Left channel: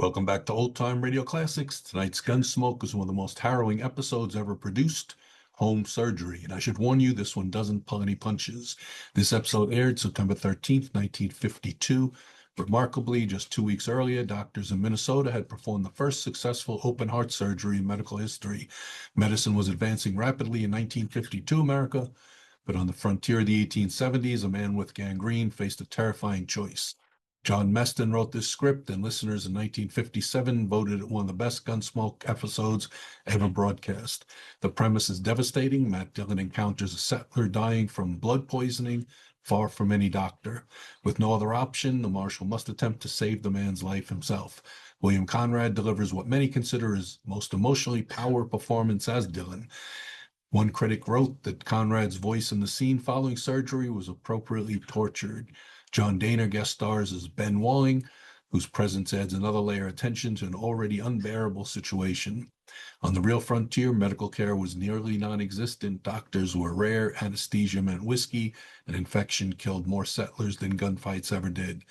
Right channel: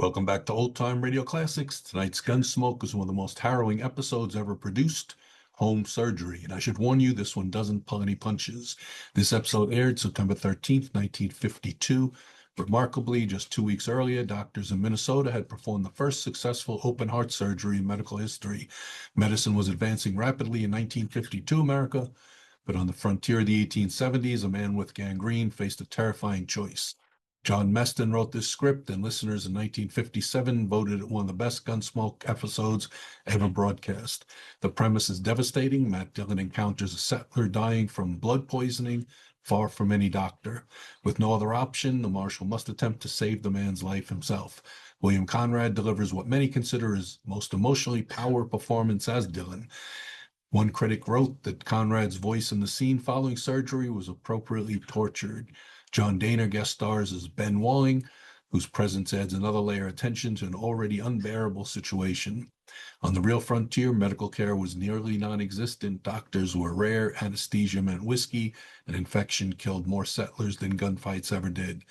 Welcome back to Old Time Radio Classics. Tonight's Gunsmoke is one of the most harrowing episodes ever produced, Home Surgery. And I should warn you, this one doesn't pull any punches. This episode aired September 13th, 1952. Remarkably, just 2 weeks earlier, doctors in Minnesota had performed the first successful open heart surgery in medical history. Medicine was advancing rapidly in 1952 America, but on the frontier of the 1870s, a man with gangrene faced a terrifying choice. John Meston wrote this script, and listeners in 1957 voted it one of the best Gunsmoke episodes ever broadcast. The premise is devastating. Matt Dillon encounters a settler dying from blood poisoning, far from any doctor. With no other option, the Marshal must attempt to save the man's life himself. William Conrad delivers what many consider his most emotionally powerful performance as Dillon. One critic wrote that Conrad's voice in the scene following surgery was appropriately tortured. John Dehner guest stars as Ben Walling, whose presence adds another layer of tension to an already unbearable situation. On the real frontier, medical care was nearly non-existent. Doctors were rare, anesthesia meant whiskey, and infection killed more settlers than gunfights ever did.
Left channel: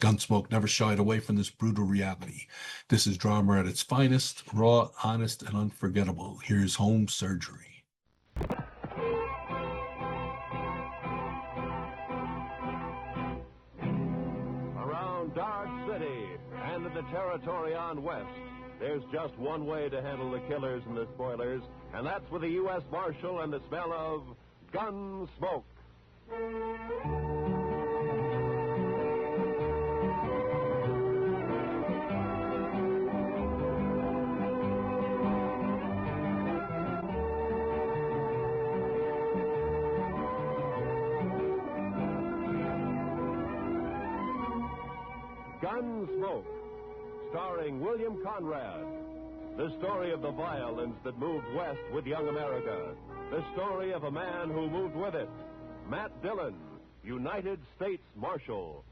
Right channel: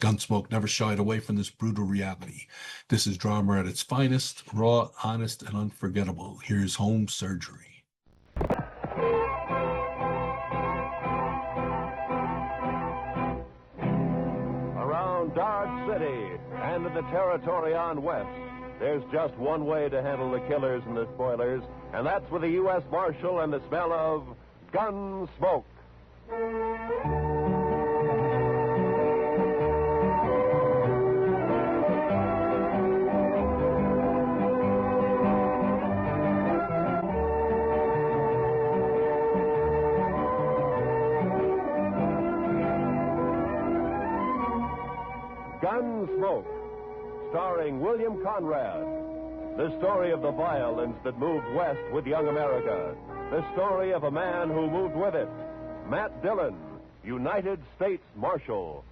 Gunsmoke never shied away from this brutal reality. This is drama at its finest, raw, honest, and unforgettable. Here's Home Surgery. Dodge City and in the territory on west, there's just one way to handle the killers and the spoilers, and that's with the U.S. Marshal and the smell of Gunsmoke. Gunsmoke, starring William Conrad. The story of the violence that moved west with young America. The story of a man who moved with it. Matt Dillon, United States Marshal.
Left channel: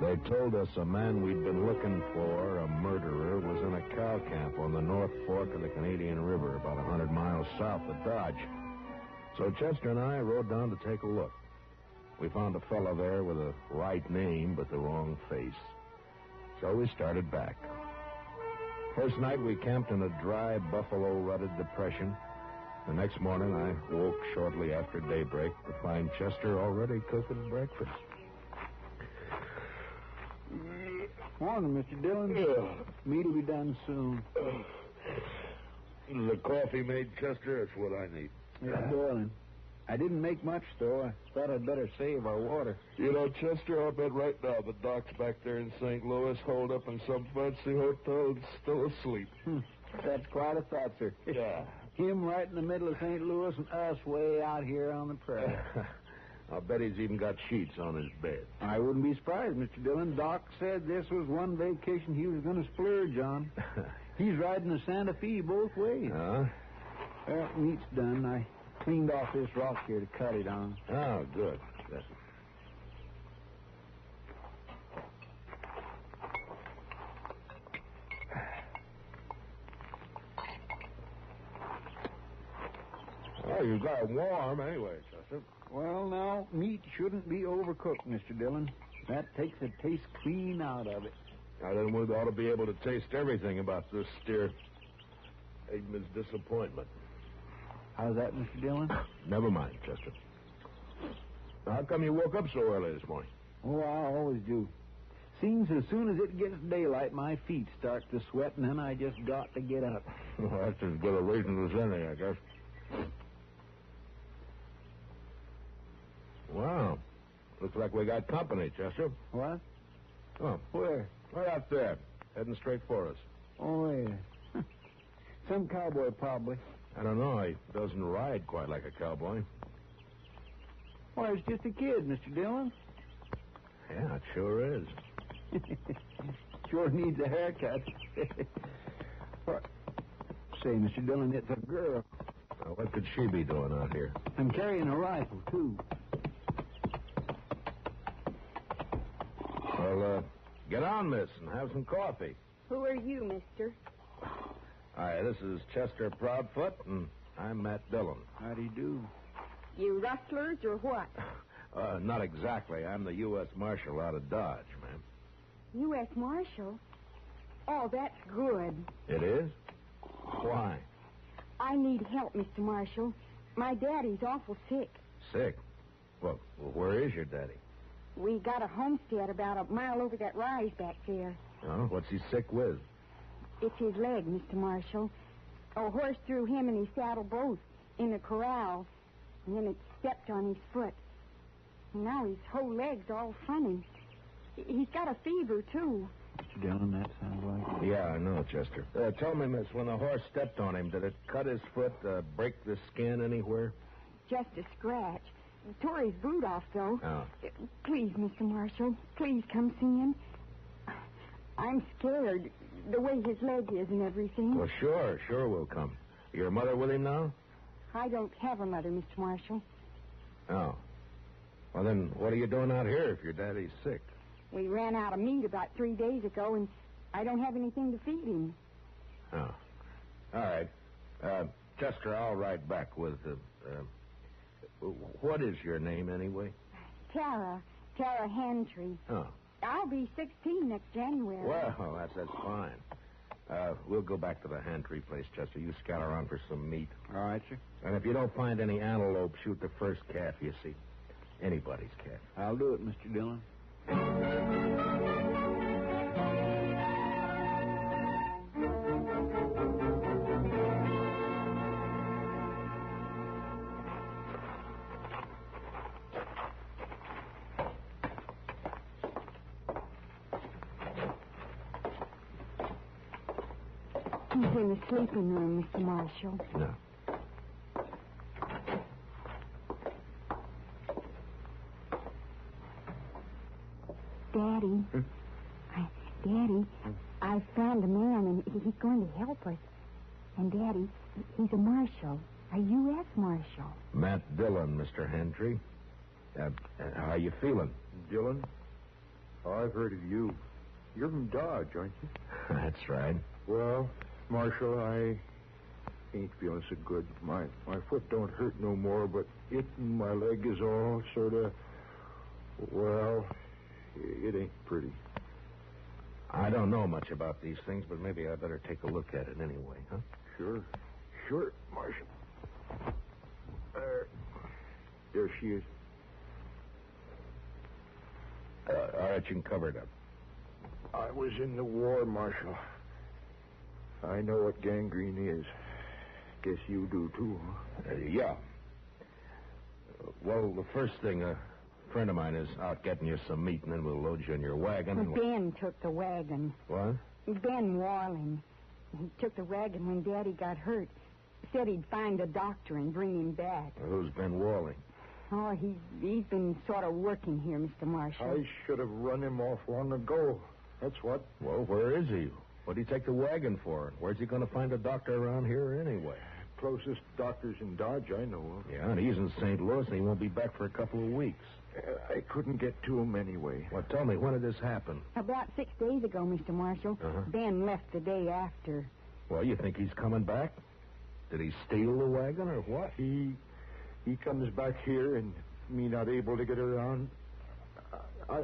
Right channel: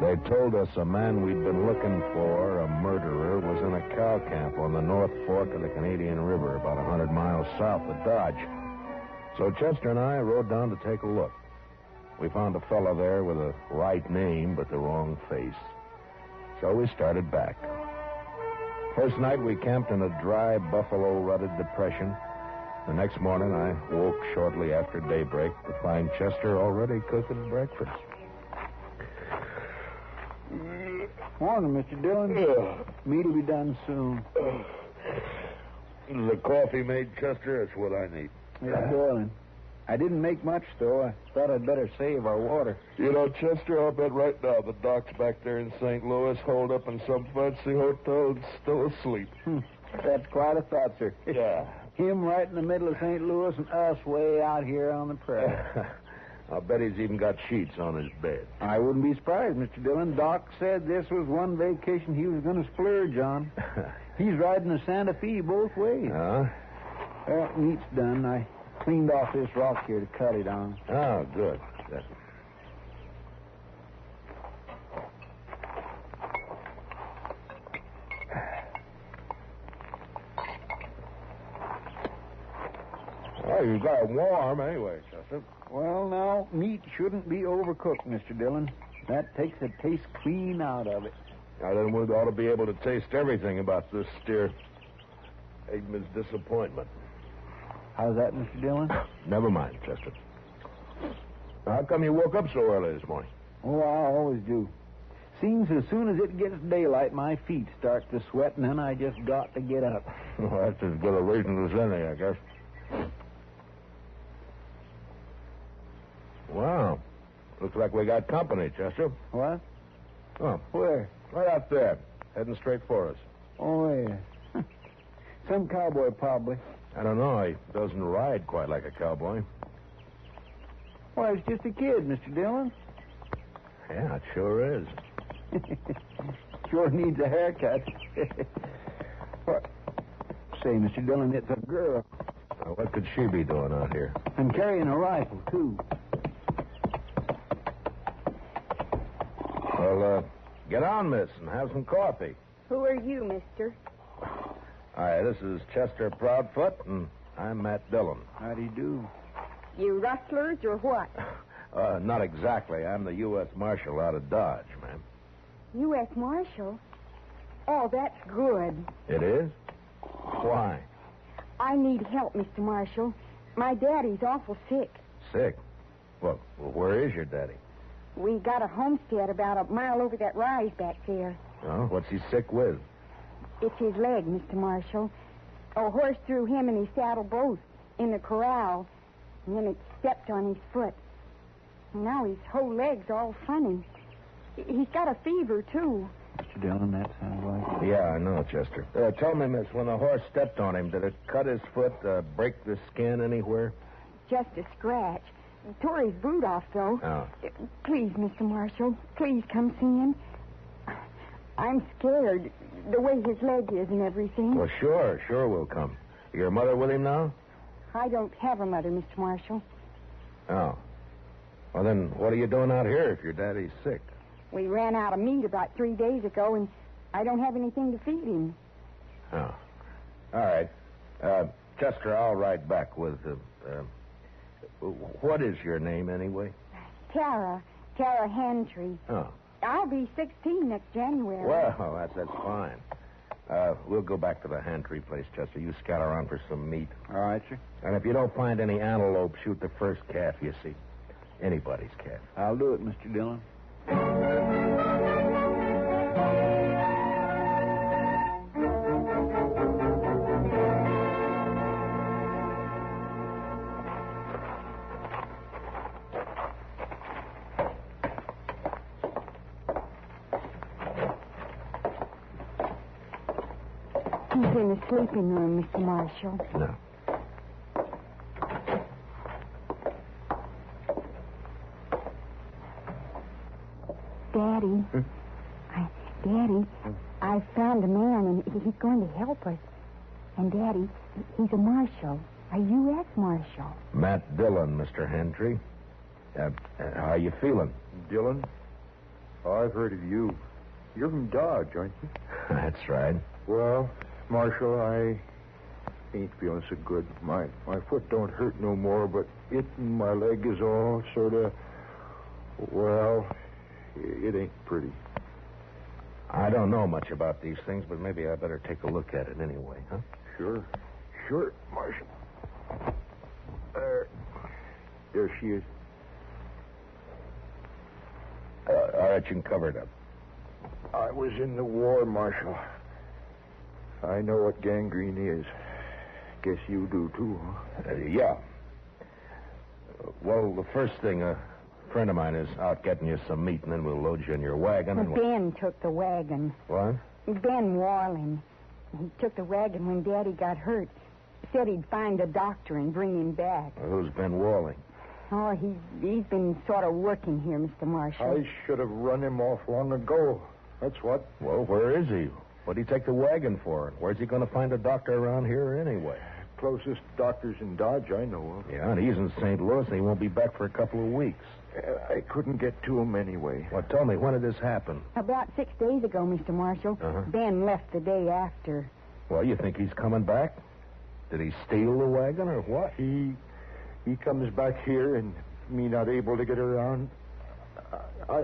They told us a man we'd been looking for, a murderer, was in a cow camp on the North Fork of the Canadian River, about 100 miles south of Dodge. So Chester and I rode down to take a look. We found a fellow there with a right name, but the wrong face. So we started back. First night we camped in a dry, buffalo-rutted depression. The next morning I woke shortly after daybreak to find Chester already cooking breakfast. Morning, Mr. Dillon. Meat'll be done soon. The coffee made, Chester? That's what I need. It's boiling. I didn't make much, though. I thought I'd better save our water. You know, Chester, I'll bet right now the doc's back there in St. Louis, holed up in some fancy hotel and still asleep. That's quite a thought, sir. Yeah. Him right in the middle of St. Louis and us way out here on the prairie. I'll bet he's even got sheets on his bed. I wouldn't be surprised, Mr. Dillon. Doc said this was one vacation he was going to splurge on. He's riding the Santa Fe both ways. Huh? Well, meat's done. I cleaned off this rock here to cut it on. Oh, good. Good. Well, you got it warm anyway, Chester. Well, now, meat shouldn't be overcooked, Mr. Dillon. That takes the taste clean out of it. Now, then we ought to be able to taste everything about this steer. Eggman's disappointment. How's that, Mr. Dillon? Never mind, Chester. How come you woke up so early this morning? Oh, I always do. Seems as soon as it gets daylight, my feet start to sweat, and then I just got to get up. Well, that's as good a reason as any, I guess. Wow. Looks like we got company, Chester. What? Oh, Where? right out there, heading straight for us. Oh, yeah. Some cowboy, probably. I don't know. He doesn't ride quite like a cowboy. Why, it's just a kid, Mr. Dillon. Yeah, it sure is. Sure needs a haircut. What? Say, Mr. Dillon, it's a girl. Now, what could she be doing out here? And carrying a rifle, too. Get on, miss, and have some coffee. Who are you, mister? Hi, this is Chester Proudfoot, and I'm Matt Dillon. How do you do? You rustlers or what? Not exactly. I'm the U.S. Marshal out of Dodge, ma'am. U.S. Marshal? Oh, that's good. It is? Why? I need help, Mr. Marshal. My daddy's awful sick. Sick? Well, where is your daddy? We got a homestead about a mile over that rise back there. Oh, what's he sick with? It's his leg, Mr. Marshal. A horse threw him and his saddle both in the corral, and then it stepped on his foot. Now his whole leg's all funny. He's got a fever, too. Mr. Dillon, that sounds like it. Yeah, I know, Chester. Tell me, miss, when the horse stepped on him, did it cut his foot, break the skin anywhere? Just a scratch. Tore his boot off, though. Oh. Please, Mr. Marshal, please come see him. I'm scared, the way his leg is and everything. Well, sure we'll come. Your mother with him now? I don't have a mother, Mr. Marshal. Oh. Well, then what are you doing out here if your daddy's sick? We ran out of meat about 3 days ago, and I don't have anything to feed him. Oh. All right. Chester, I'll ride back with... what is your name, anyway? Tara Hantry. Oh. I'll be 16 next January. Well, that's fine. We'll go back to the Hantry place, Chester. You scout around for some meat. All right, sir. And if you don't find any antelope, shoot the first calf you see. Anybody's calf. I'll do it, Mr. Dillon. He's in the sleeping room, Mr. Marshal. No. Daddy. Daddy, I found a man, and he's going to help us. And, Daddy, he's a marshal, a U.S. Marshal. Matt Dillon, Mr. Hantry. How you feeling? Dillon? I've heard of you. You're from Dodge, aren't you? That's right. Well, Marshal, I ain't feeling so good. My foot don't hurt no more, but it and my leg is all sort of... Well, it ain't pretty. I don't know much about these things, but maybe I better take a look at it anyway, huh? Sure, Marshal. There she is. All right, you can cover it up. I was in the war, Marshal. I know what gangrene is. Guess you do, too, huh? Yeah. Well, the first thing, a friend of mine is out getting you some meat, and then we'll load you in your wagon. And Ben took the wagon. What? Ben Walling. He took the wagon when Daddy got hurt. Said he'd find a doctor and bring him back. Well, who's Ben Walling? Oh, he's been sort of working here, Mr. Marshal. I should have run him off long ago. That's what. Well, where is he? What'd he take the wagon for? And where's he going to find a doctor around here anyway? Closest doctor's in Dodge I know of. Yeah, and he's in St. Louis, and he won't be back for a couple of weeks. I couldn't get to him anyway. Well, tell me, when did this happen? About 6 days ago, Mr. Marshal. Uh-huh. Ben left the day after. Well, you think he's coming back? Did he steal the wagon or what? He comes back here and me not able to get around.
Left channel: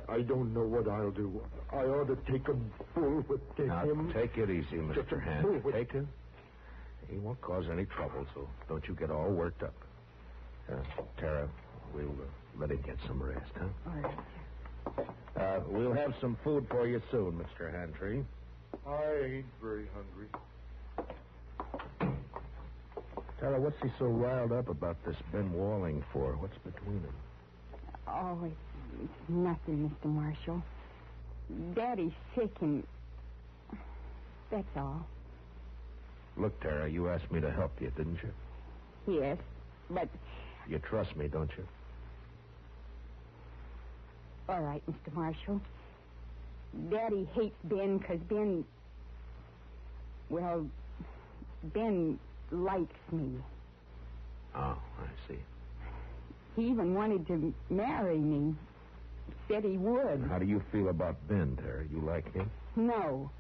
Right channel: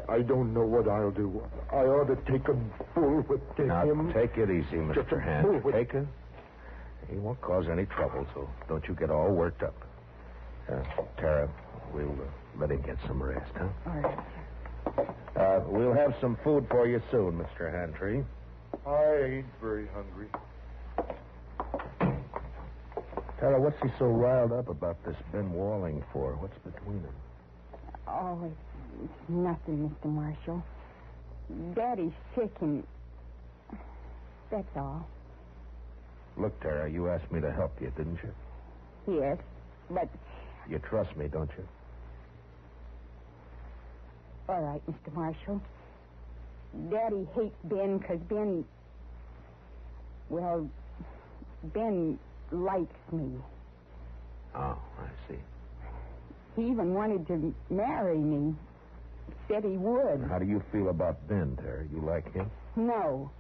I don't know what I'll do. I ought to take a bullwhip to Now, him. take it easy, Just a Mr. Hand. bullwhip. Take it. He won't cause any trouble, so don't you get all worked up. Tara, we'll let him get some rest, huh? All right. We'll have some food for you soon, Mr. Hantry. I ain't very hungry. Tara, what's he so riled up about this Ben Walling for? What's between them? Oh, it's nothing, Mr. Marshal. Daddy's sick, and that's all. Look, Tara, you asked me to help you, didn't you? Yes, but... You trust me, don't you? All right, Mr. Marshal. Daddy hates Ben because Ben... Well, Ben likes me. Oh, I see. He even wanted to marry me. said he would. How do you feel about Ben, Terry? You like him? No.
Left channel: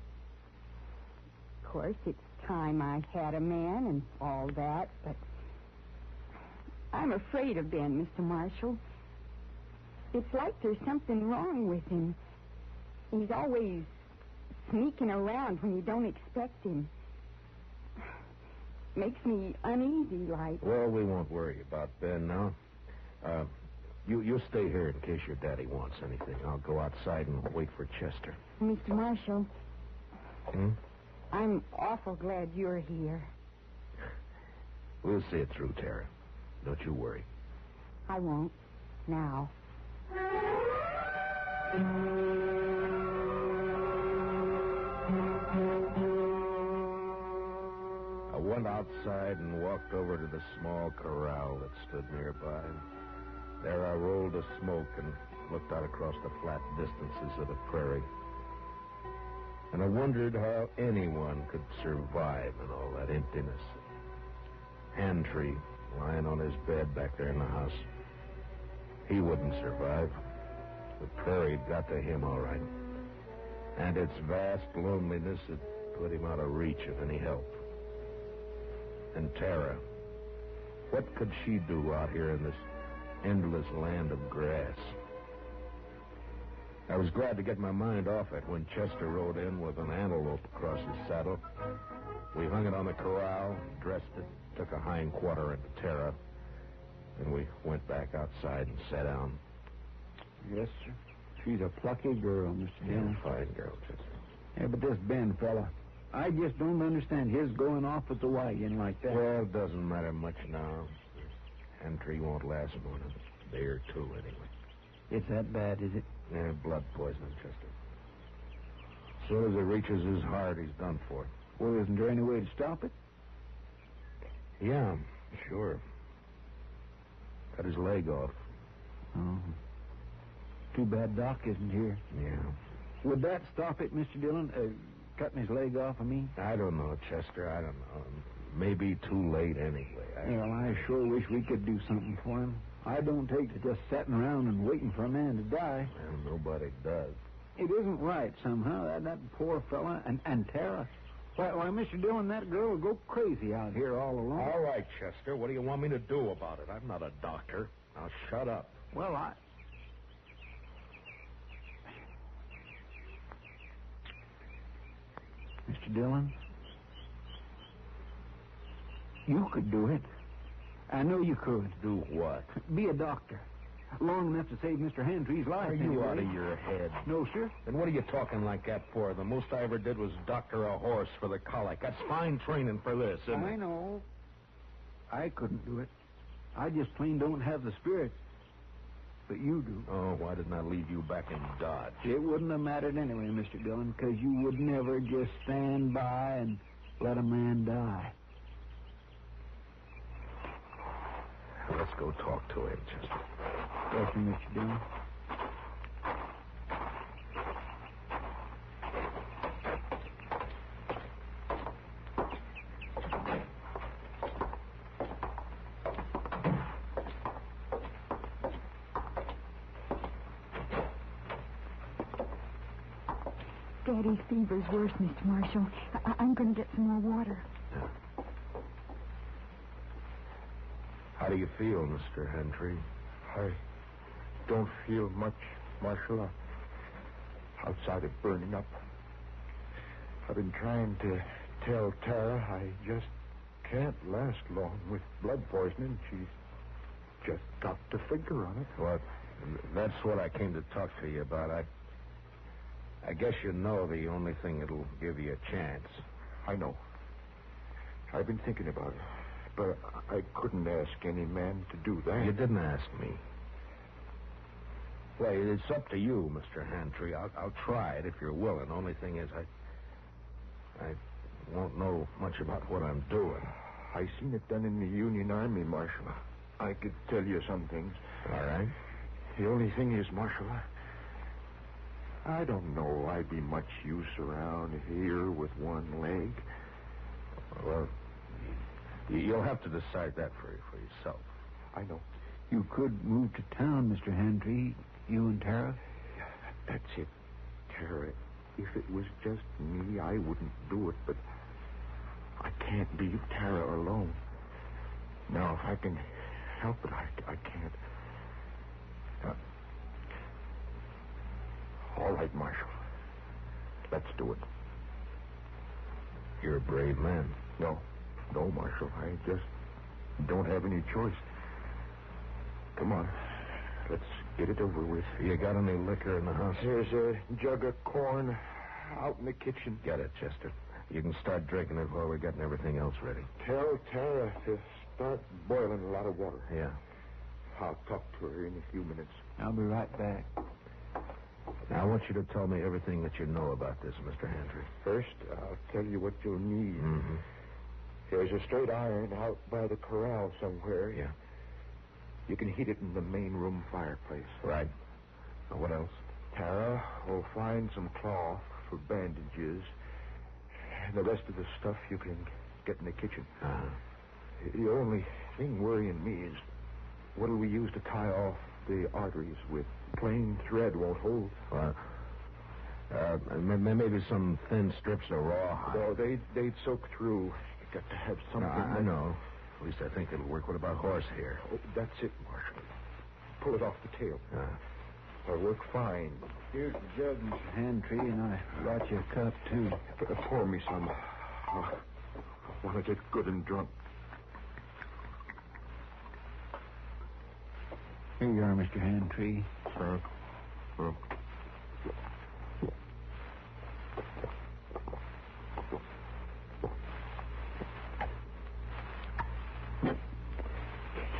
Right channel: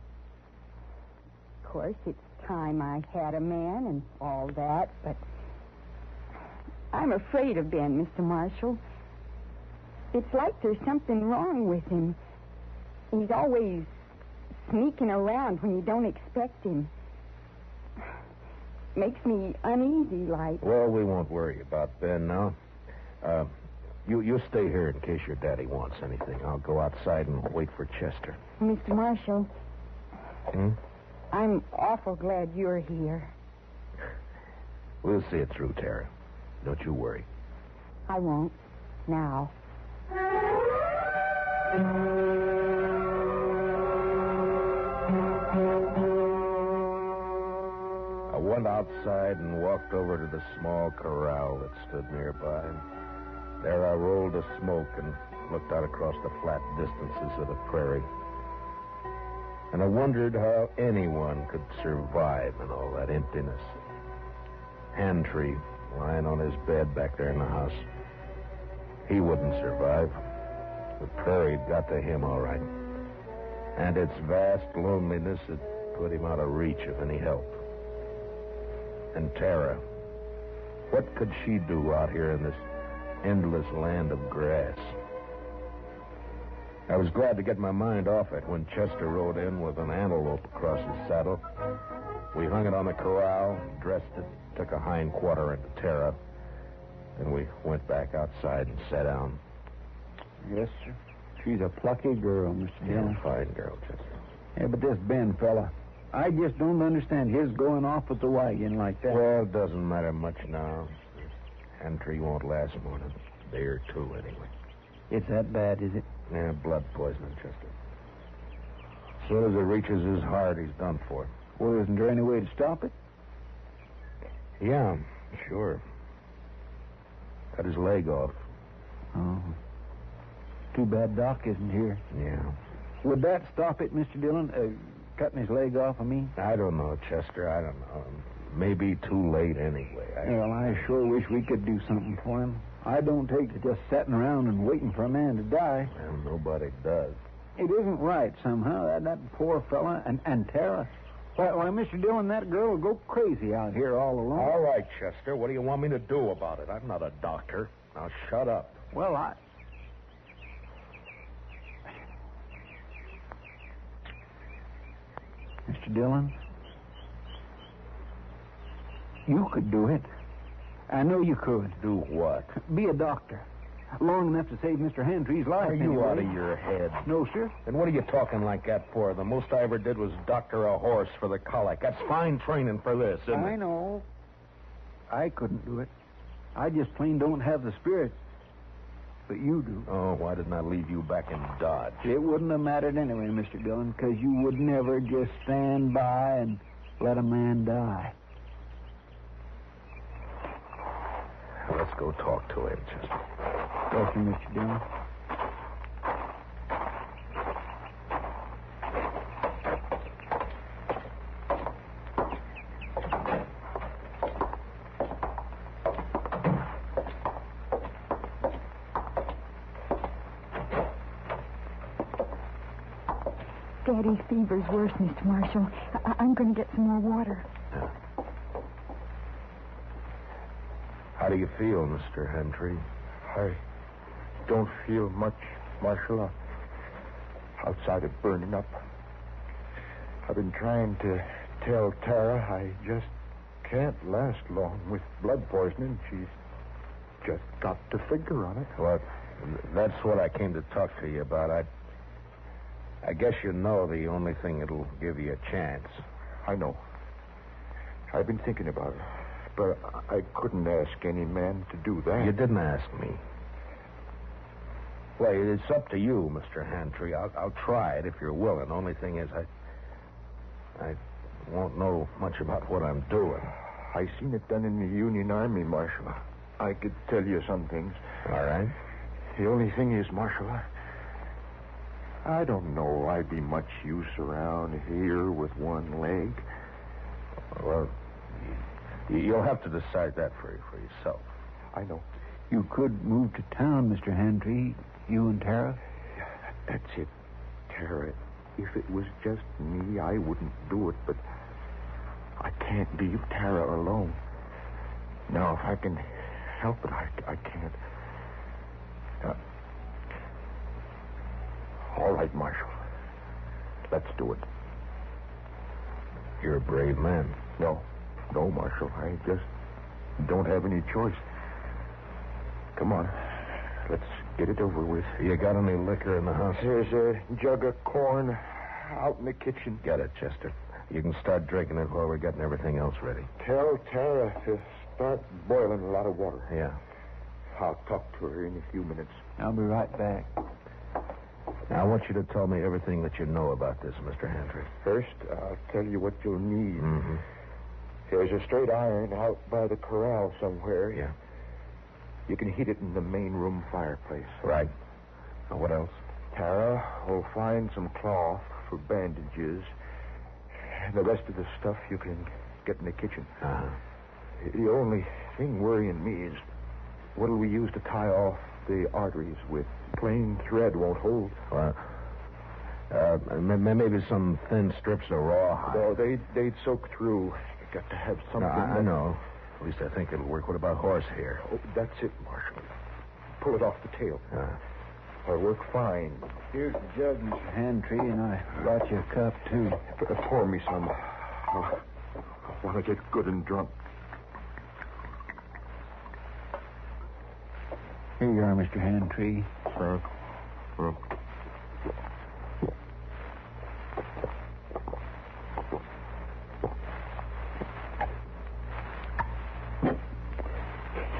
Of course, it's time I had a man and all that, but I'm afraid of Ben, Mr. Marshal. It's like there's something wrong with him. He's always sneaking around when you don't expect him. Makes me uneasy, like. Well, we won't worry about Ben now. You stay here in case your daddy wants anything. I'll go outside and wait for Chester. Mr. Marshal. I'm awful glad you're here. We'll see it through, Tara. Don't you worry. I won't. Now. I went outside and walked over to the small corral that stood nearby. There I rolled a smoke and looked out across the flat distances of the prairie. And I wondered how anyone could survive in all that emptiness. Handtree lying on his bed back there in the house. He wouldn't survive. The prairie got to him all right. And its vast loneliness had put him out of reach of any help. And Tara, what could she do out here in this endless land of grass? I was glad to get my mind off it when Chester rode in with an antelope across his saddle. We hung it on the corral, dressed it, took a hind quarter into Tara. Then we went back outside and sat down. Yes, sir. She's a plucky girl, Mr. Dillon. Fine girl, Chester. Yeah, but this Ben fella, I just don't understand his going off with the wagon like that. Well, it doesn't matter much now. Handtree won't last more than a day or two anyway. It's that bad, is it? Yeah, blood poisoning, Chester. As soon as it reaches his heart, he's done for. Well, isn't there any way to stop it? Yeah, sure. Cut his leg off. Oh. Too bad Doc isn't here. Yeah. Would that stop it, Mr. Dillon? Cutting his leg off, I mean? I don't know, Chester. I don't know. Maybe too late anyway. Well, I sure wish we could do something for him. I don't take to just sitting around and waiting for a man to die. Well, nobody does. It isn't right somehow. That poor fella and Tara. Why, Mr. Dillon, that girl will go crazy out here all alone. All right, Chester. What do you want me to do about it? I'm not a doctor. Now shut up. Well, Mr. Dillon, you could do it. I know you could. Do what? Be a doctor. Long enough to save Mr. Handtree's life. Are you anyway. out of your head? No, sir. And what are you talking like that for? The most I ever did was doctor a horse for the colic. That's fine training for this, isn't it? I know. I couldn't do it. I just plain don't have the spirit. But you do. Oh, why didn't I leave you back in Dodge? It wouldn't have mattered anyway, Mr. Dillon, because you would never just stand by and let a man die. Let's go talk to him, Chester. Thank you, Mr. Dillon. Daddy's fever's worse, Mr. Marshal. I'm going to get some more water. How do you feel, Mr. Handtree? I don't feel much, Marshal. Outside of burning up. I've been trying to tell Tara I just can't last long with blood poisoning. She's just got to figure on it. Well, that's what I came to talk to you about. I guess you know the only thing that'll give you a chance. I know. I've been thinking about it. But I couldn't ask any man to do that. You didn't ask me. Well, it's up to you, Mr. Handtree. I'll try it if you're willing. Only thing is, I won't know much about what I'm doing. I seen it done in the Union Army, Marshal. I could tell you some things. All right. The only thing is, Marshal, I don't know I'd be much use around here with one leg. Well, you'll have to decide that for yourself. I know. You could move to town, Mr. Handtree, you and Tara. That's it, Tara. If it was just me, I wouldn't do it, but I can't leave Tara alone. Now, if I can help it, I can't. All right, Marshal. Let's do it. You're a brave man. No, Marshal. I just don't have any choice. Come on. Let's get it over with. You got any liquor in the house? There's a jug of corn out in the kitchen. Get it, Chester. You can start drinking it while we're getting everything else ready. Tell Tara to start boiling a lot of water. Yeah. I'll talk to her in a few minutes. I'll be right back. Now, I want you to tell me everything that you know about this, Mr. Hantry. First, I'll tell you what you'll need. Mm-hmm. There's a straight iron out by the corral somewhere. Yeah. You can heat it in the main room fireplace. Right. Now, what else? Tara will find some cloth for bandages. And the rest of the stuff you can get in the kitchen. Uh-huh. The only thing worrying me is what'll we use to tie off the arteries with? Plain thread won't hold. Well, maybe some thin strips of rawhide. No, they'd soak through. You got to have something. I know. At least I think it'll work. What about horsehair? Oh, that's it, Marshal. Pull it off the tail. It'll work fine. Here's the jug, Mr. Hantry, and I brought you a cup, too. Pour me some. I want to get good and drunk. Here you are, Mr. Hantry.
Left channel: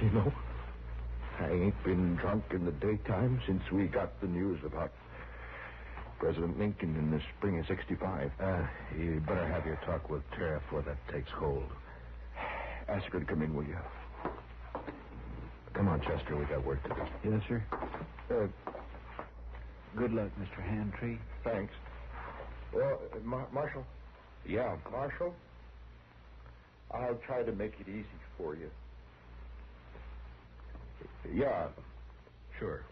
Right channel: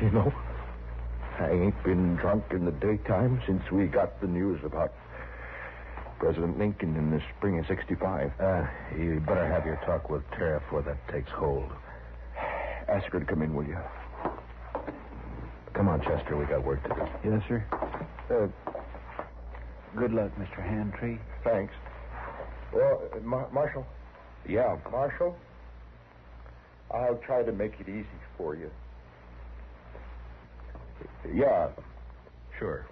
You know, I ain't been drunk in the daytime since we got the news about President Lincoln in the spring of 65. You better have your talk with Tara before that takes hold. Ask her to come in, will you? Come on, Chester. We got work to do. Yes, sir. Good luck, Mr. Hantry. Thanks. Well, Marshal? Yeah. Marshal? I'll try to make it easy for you. Yeah. Sure.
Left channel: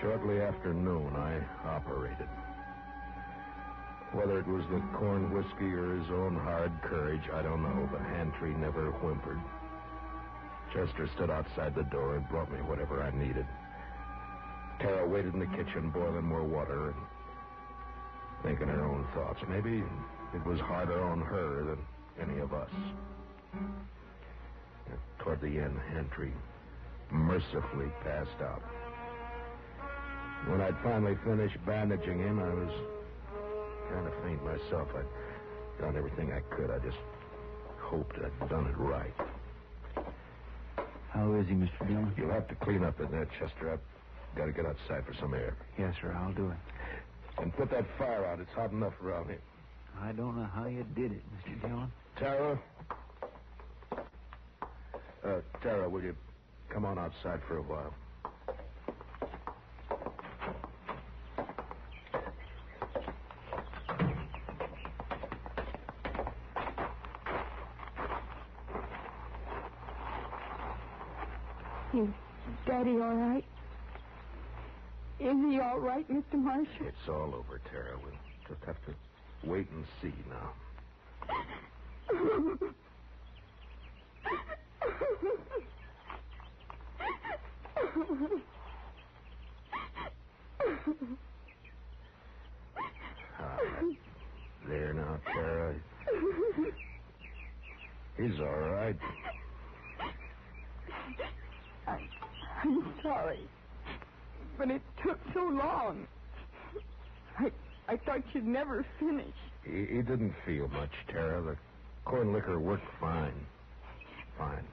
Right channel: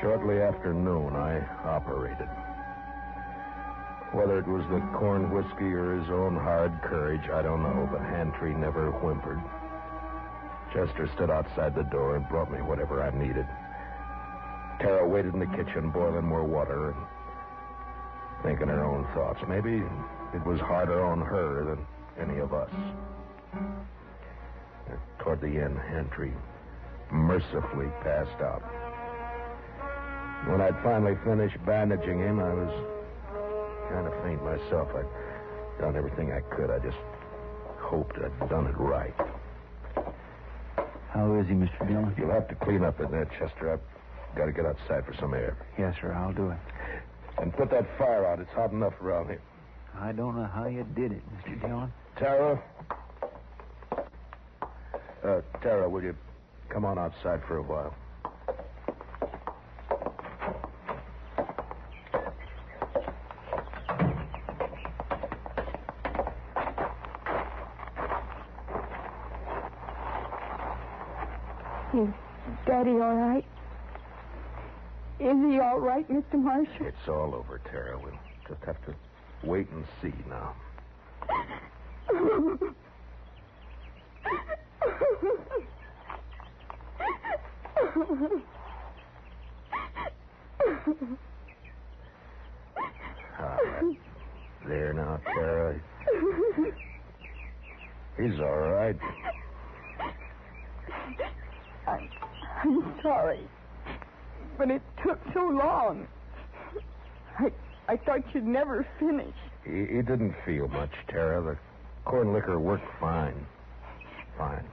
Shortly after noon, I operated. Whether it was the corn whiskey or his own hard courage, I don't know, but Hantry never whimpered. Chester stood outside the door and brought me whatever I needed. Tara waited in the kitchen, boiling more water and thinking her own thoughts. Maybe it was harder on her than any of us. Toward the end, Hantry mercifully passed out. When I'd finally finished bandaging him, I was kind of faint myself. I'd done everything I could. I just hoped I'd done it right. How is he, Mr. Dillon? You'll have to clean up in there, Chester. I've got to get outside for some air. Yes, sir, I'll do it. And put that fire out. It's hot enough around here. I don't know how you did it, Mr. Dillon. Tara? Tara, will you come on outside for a while? Is Daddy all right? Is he all right, Mr. Marshal? It's all over, Tara. We'll just have to wait and see now. There now, Tara. He's all right. I'm sorry, but it took so long. I thought you'd never finish. He didn't feel much, Tara. The corn liquor worked fine. Fine.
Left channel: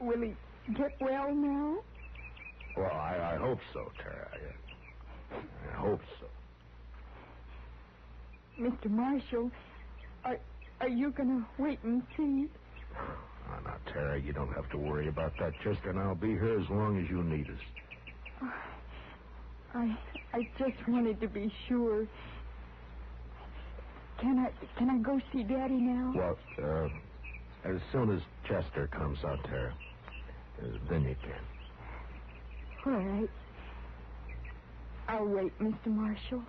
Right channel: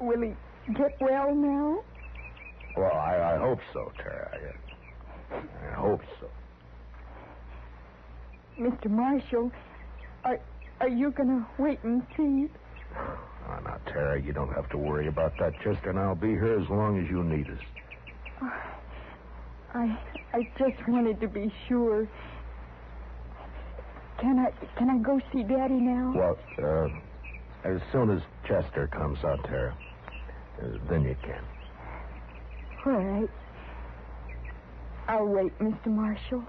Will he get well now? Well, I hope so, Tara. I hope so. Mr. Marshal, are you going to wait and see? Oh, now, Tara, you don't have to worry about that, Chester, and I'll be here as long as you need us. I just wanted to be sure. Can I go see Daddy now? Well, as soon as Chester comes out, Tara, then you can. All right. I'll wait, Mr. Marshal.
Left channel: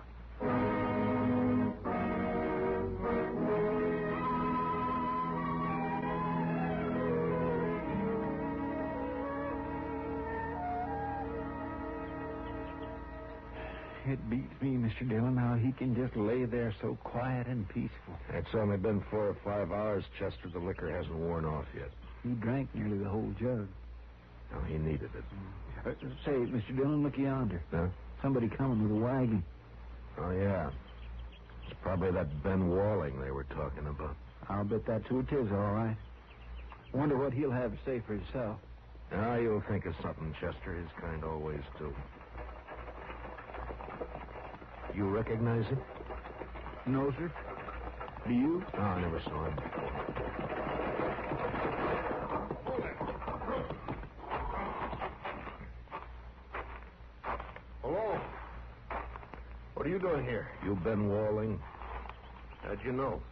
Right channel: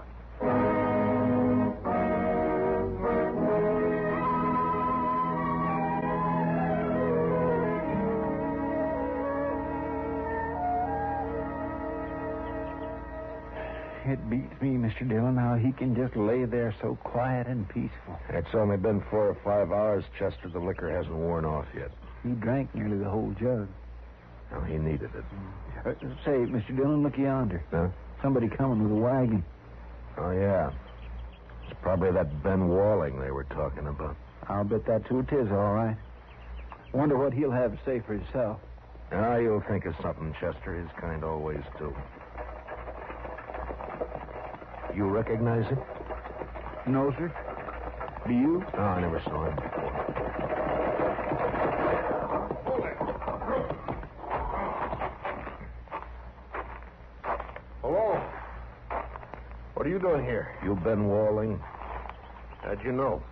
It beats me, Mr. Dillon, how he can just lay there so quiet and peaceful. It's only been 4 or 5 hours, Chester. The liquor hasn't worn off yet. He drank nearly the whole jug. Well, he needed it. Say, Mr. Dillon, look yonder. Huh? Somebody coming with a wagon. Oh, yeah. It's probably that Ben Walling they were talking about. I'll bet that's who it is, all right. Wonder what he'll have to say for himself. Ah, you'll think of something, Chester. His kind always do. You recognize him? No, sir. Do you? No, I never saw him before. Hello? What are you doing here? You Ben Walling? How'd you know?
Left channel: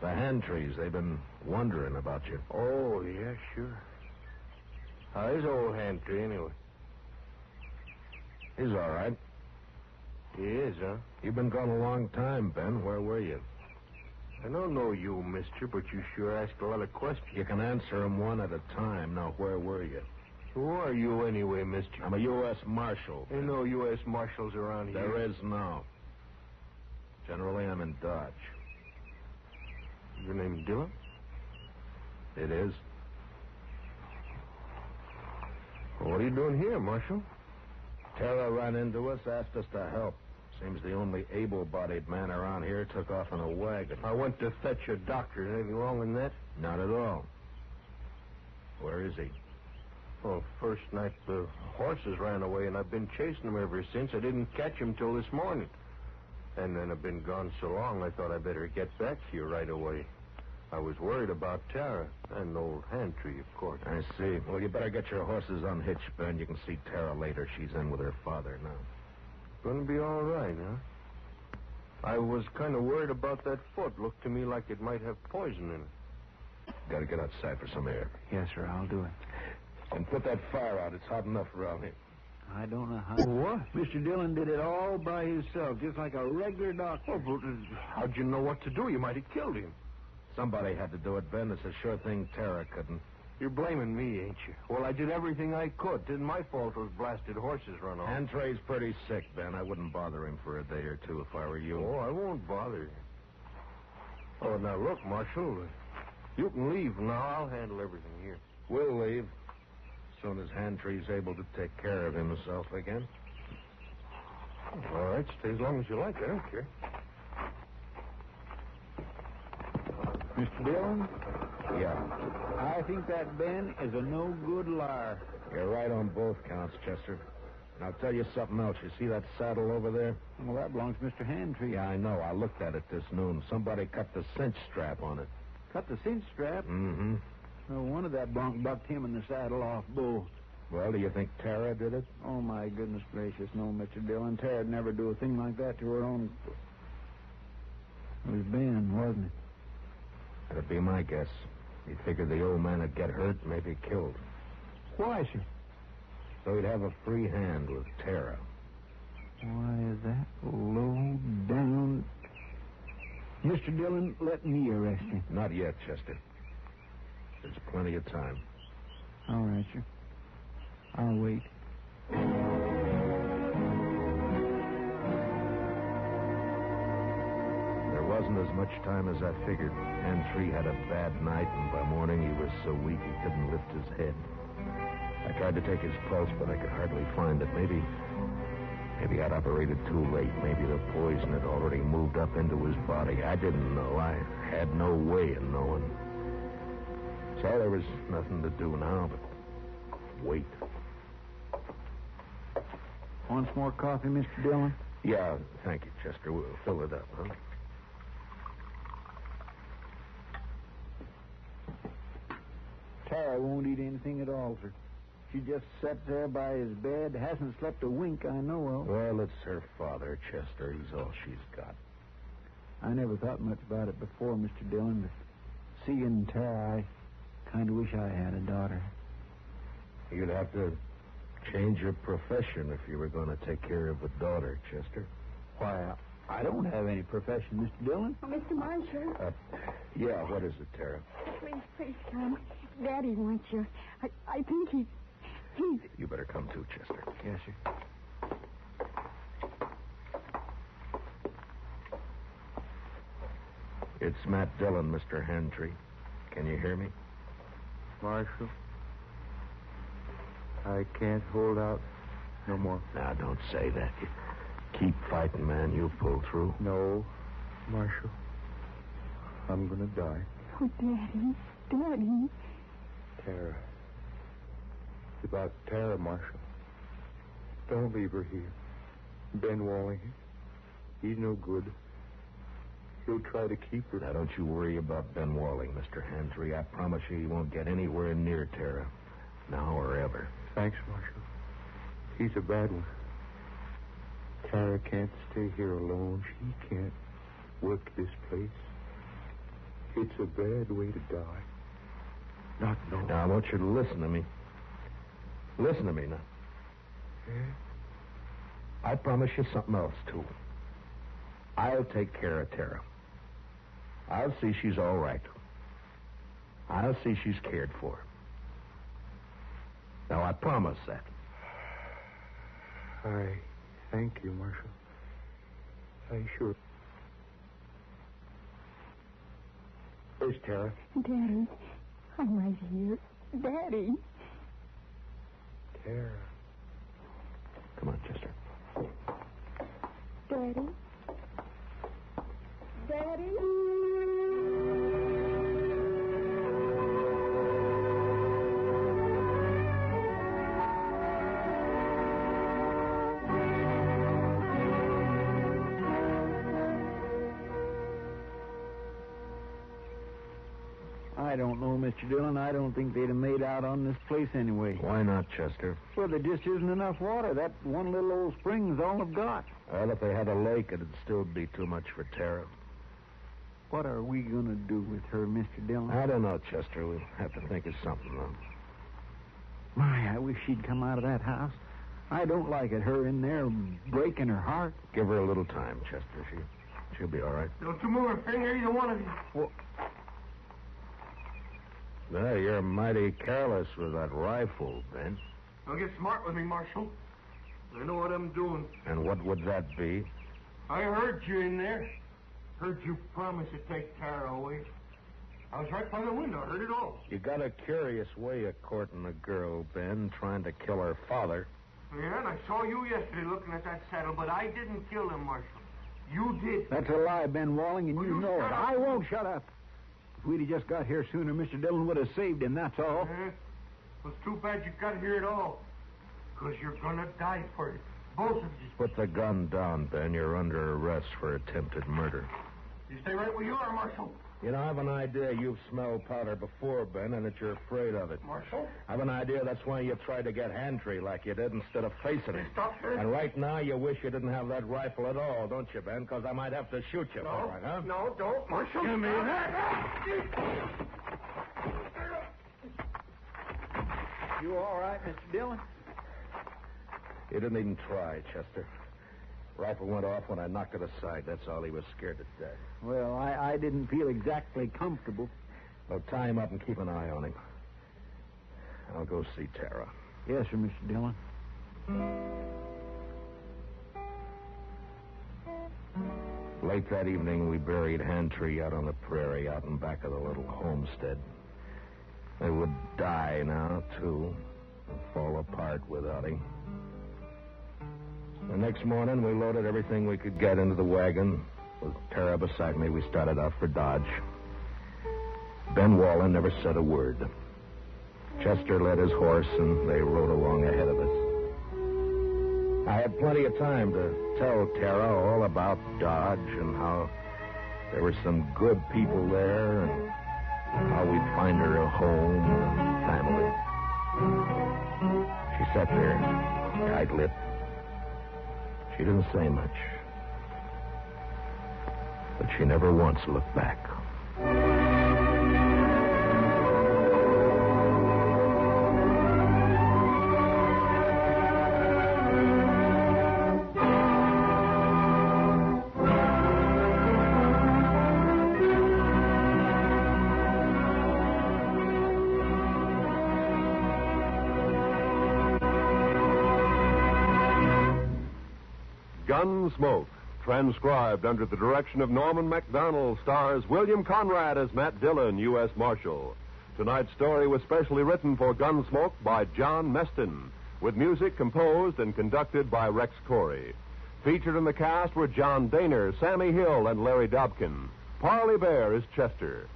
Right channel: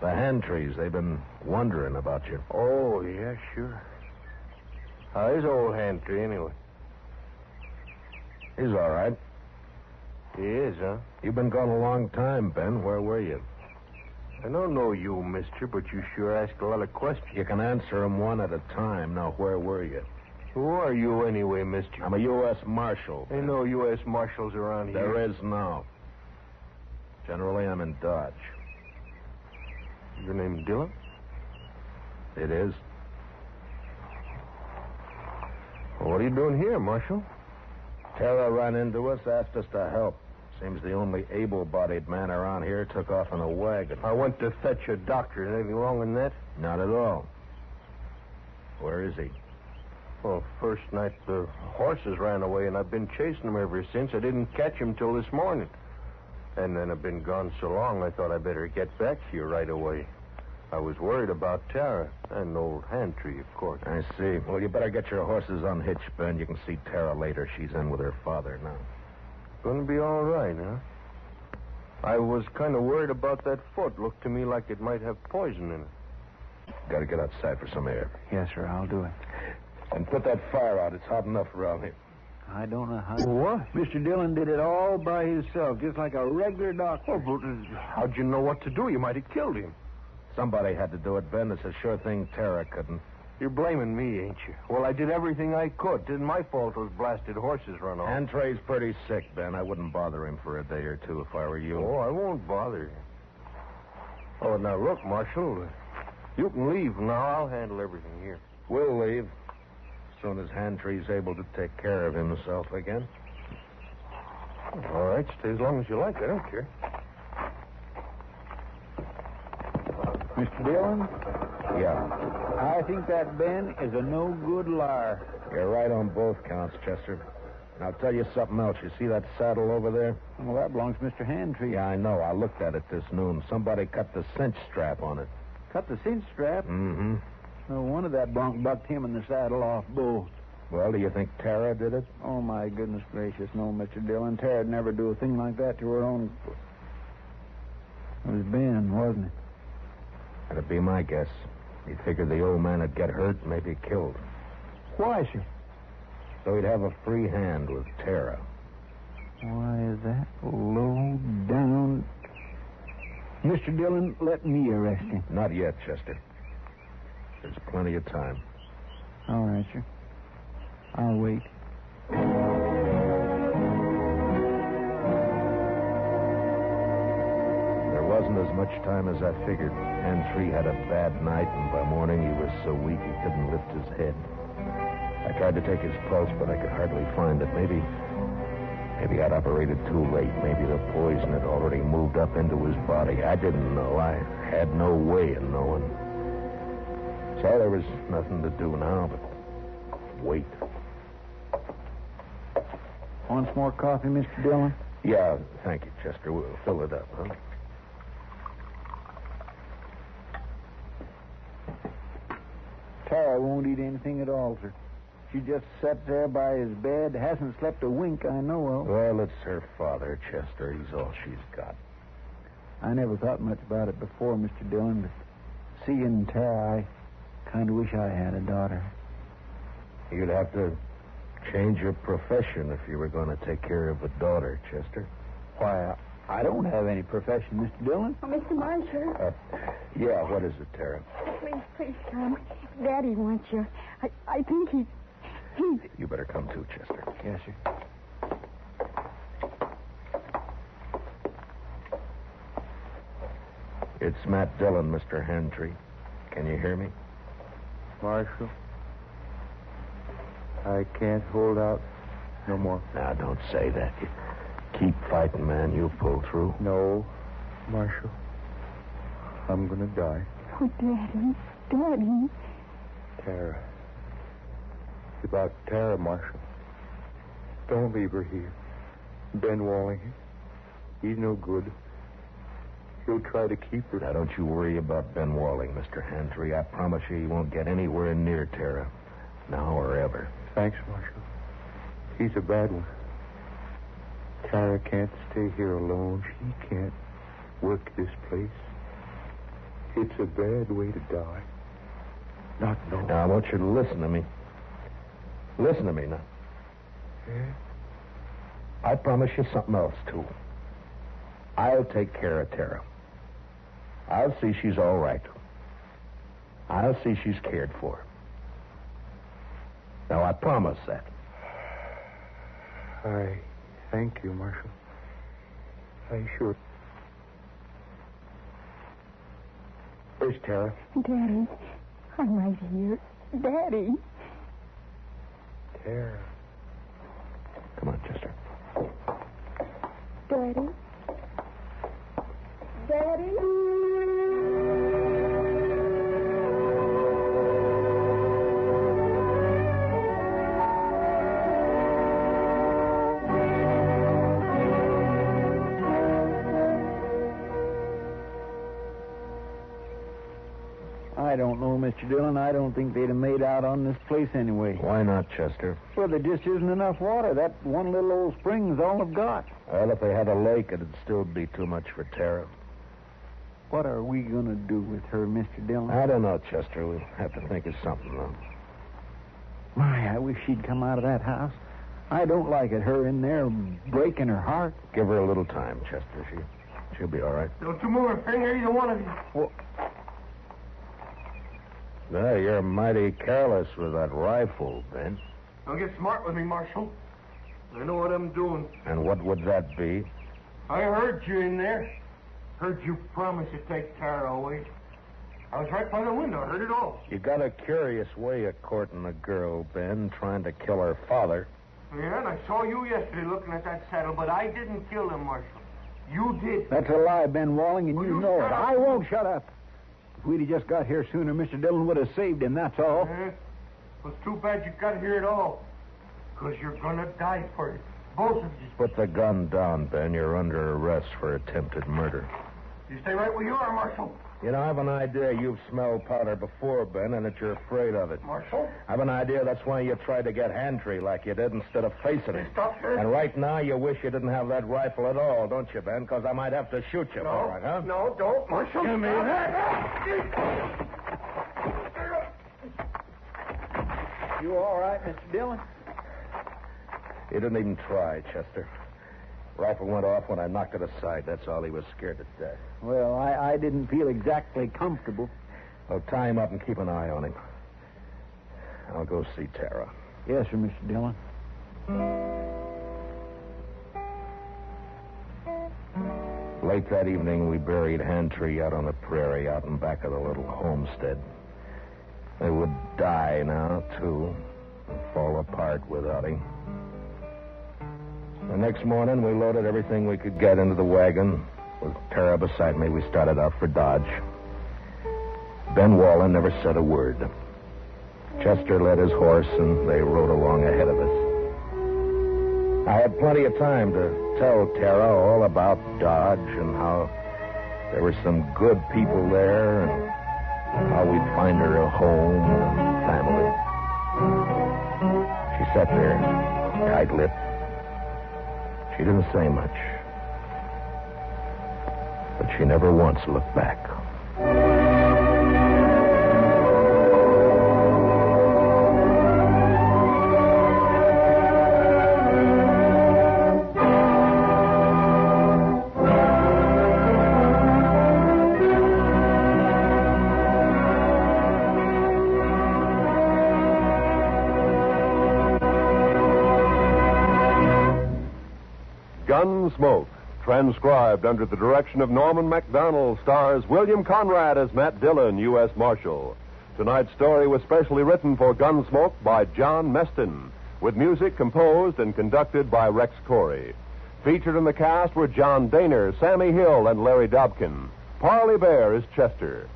The hand trees, they've been wondering about you. Oh, yeah, sure. How is old hand tree, anyway? He's all right. He is, huh? You've been gone a long time, Ben. Where were you? I don't know you, mister, but you sure ask a lot of questions. You can answer them one at a time. Now, where were you? Who are you anyway, mister? I'm a U.S. Marshal. Ain't no U.S. Marshals around here. There is now. Generally, I'm in Dodge. Your name Dillon? It is. Well, what are you doing here, Marshal? Tara ran into us, asked us to help. Seems the only able-bodied man around here took off in a wagon. I went to fetch a doctor. Anything wrong in that? Not at all. Where is he? Well, first night the horses ran away, and I've been chasing them ever since. I didn't catch him till this morning. And then I've been gone so long, I thought I'd better get back to you right away. I was worried about Tara and old hand tree, of course. I see. Well, you better get your horses unhitched, Ben. You can see Tara later. She's in with her father now. Gonna be all right, huh? I was kind of worried about that foot. Looked to me like it might have poison in it. Got to get outside for some air. Yes, sir, I'll do it. And put that fire out. It's hot enough around here. I don't know how... What? Mr. Dillon did it all by himself, just like a regular doctor. Oh, but how'd you know what to do? You might have killed him. Somebody had to do it, Ben. It's a sure thing Tara couldn't. You're blaming me, ain't you? Well, I did everything I could. Didn't my fault those blasted horses run off. Antrey's pretty sick, Ben. I wouldn't bother him for a day or two if I were you. Oh, I won't bother you. Oh, now look, Marshal. You can leave now. I'll handle everything here. We'll leave as soon as Hantrey's able to take care of himself again. All right, stay as long as you like. I don't care. Mr. Dillon, Yeah. I think that Ben is a no-good liar. You're right on both counts, Chester. And I'll tell you something else. You see that saddle over there? Well, that belongs to Mr. Handtree. Yeah, I know. I looked at it this noon. Somebody cut the cinch strap on it. Cut the cinch strap. Mm-hmm. No wonder that bronc bucked him in the saddle off bull. Well, do you think Tara did it? Oh, my goodness gracious, no, Mr. Dillon. Tara'd never do a thing like that to her own... It was Ben, wasn't it? That'd be my guess. He figured the old man would get hurt, maybe killed. Why, sir? So he'd have a free hand with Tara. Why is that low down? Mr. Dillon, let me arrest him. Not yet, Chester. There's plenty of time. All right, sir. I'll wait. There wasn't as much time as I figured. Hantree had a bad night, and by morning he was so weak he couldn't lift his head. I tried to take his pulse, but I could hardly find it. Maybe I'd operated too late. Maybe the poison had already moved up into his body. I didn't know. I had no way of knowing. So there was nothing to do now but wait. Want some more coffee, Mr. Dillon? Yeah, thank you, Chester. We'll fill it up, huh? Tara won't eat anything at all, sir. She just sat there by his bed, hasn't slept a wink I know of. Well, it's her father, Chester. He's all she's got. I never thought much about it before, Mr. Dillon, but seeing Tara, I kind of wish I had a daughter. You'd have to change your profession if you were going to take care of a daughter, Chester. Why, I don't have any profession, Mr. Dillon. Oh, Mr. Marshal. Yeah, what is it, Tara? Please come. Daddy wants you. I think he's... You better come too, Chester. Yes, sir. It's Matt Dillon, Mr. Hantry. Can you hear me? Marshal, I can't hold out no more. Now, don't say that. You keep fighting, man. You'll pull through. No, Marshal. I'm going to die. Oh, Daddy. Tara. It's about Tara, Marshal. Don't leave her here. Ben Walling, he's no good. He'll try to keep her. Now, don't you worry about Ben Walling, Mr. Hantry. I promise you he won't get anywhere near Tara. Now or ever. Thanks, Marshal. He's a bad one. Tara can't stay here alone. She can't work this place. It's a bad way to die. Not knowing. Now, I want you to listen to me. Listen to me now. Yeah? I promise you something else, too. I'll take care of Tara. I'll see she's all right. I'll see she's cared for. Now, I promise that. I thank you, Marshal. I sure. Where's Tara? Daddy, I'm right here. Daddy. Tara. Come on, Chester. Daddy. Daddy. I don't know, Mr. Dillon. I don't think they'd have made out on this place anyway. Why not, Chester? Well, there just isn't enough water. That one little old spring's all they've got. Well, if they had a lake, it'd still be too much for Tara. What are we going to do with her, Mr. Dillon? I don't know, Chester. We'll have to think of something, though. My, I wish she'd come out of that house. I don't like it, her in there breaking her heart. Give her a little time, Chester. She'll be all right. Don't you move a finger, either one of you. Well, No, you're mighty careless with that rifle, Ben. Don't get smart with me, Marshal. I know what I'm doing. And what would that be? I heard you in there. Heard you promise to take Tara away. I was right by the window. I heard it all. You got a curious way of courting a girl, Ben, trying to kill her father. Yeah, and I saw you yesterday looking at that saddle, but I didn't kill him, Marshal. You did. that's a lie, Ben Walling, and Will you you know it. shut up? I won't shut up. If we'd have just got here sooner, Mr. Dillon would have saved him, that's all. Yeah? Well, it's too bad you got here at all. Because you're going to die for it. Both of you. Put the gun down, Ben. You're under arrest for attempted murder. You stay right where you are, Marshal. You know, I have an idea you've smelled powder before, Ben, and that you're afraid of it. Marshal? I have an idea that's why you tried to get Hantry like you did instead of facing it. Stop her. And right now, you wish you didn't have that rifle at all, don't you, Ben? Because I might have to shoot you No, for it, huh? no, don't, Marshal. Give me that. You all right, Mr. Dillon? He didn't even try, Chester. Rifle went off when I knocked it aside. That's all. He was scared to death. Well, I didn't feel exactly comfortable. Well, tie him up and keep an eye on him. I'll go see Tara. Yes, sir, Mr. Dillon. Late that evening, we buried Hantry out on the prairie, out in back of the little homestead. They would die now, too, and fall apart without him. The next morning, we loaded everything we could get into the wagon. With Tara beside me, we started out for Dodge. Ben Wallen never said a word. Chester led his horse, and they rode along ahead of us. I had plenty of time to tell Tara all about Dodge and how there were some good people there and how we'd find her a home and family. She sat there, tight-lipped. She didn't say much. but she never once looked back. Gunsmoke, transcribed under the direction of Norman Macdonald, stars William Conrad as Matt Dillon, U.S. Marshal. Tonight's story was specially written for Gunsmoke by John Meston, with music composed and conducted by Rex Corey. Featured in the cast were John Dehner, Sammie Hill, and Larry Dobkin. Parley Baer is Chester.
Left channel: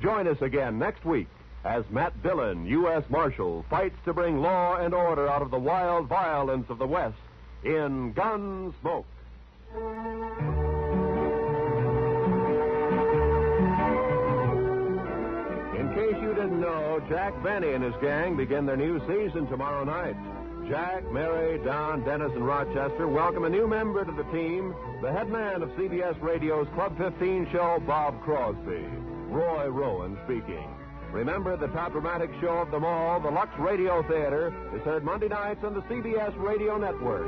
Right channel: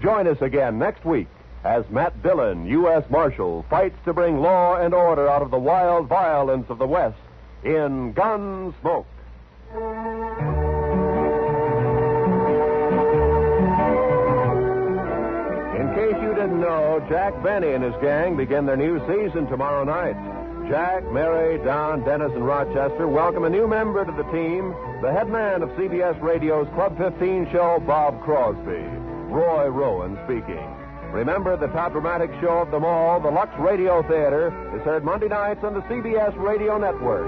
Join us again next week as Matt Dillon, U.S. Marshal, fights to bring law and order out of the wild violence of the West in Gunsmoke. In case you didn't know, Jack Benny and his gang begin their new season tomorrow night. Jack, Mary, Don, Dennis, and Rochester welcome a new member to the team, the head man of CBS Radio's Club 15 show, Bob Crosby. Roy Rowan speaking. Remember, the top dramatic show of them all, the Lux Radio Theater, is heard Monday nights on the CBS Radio Network.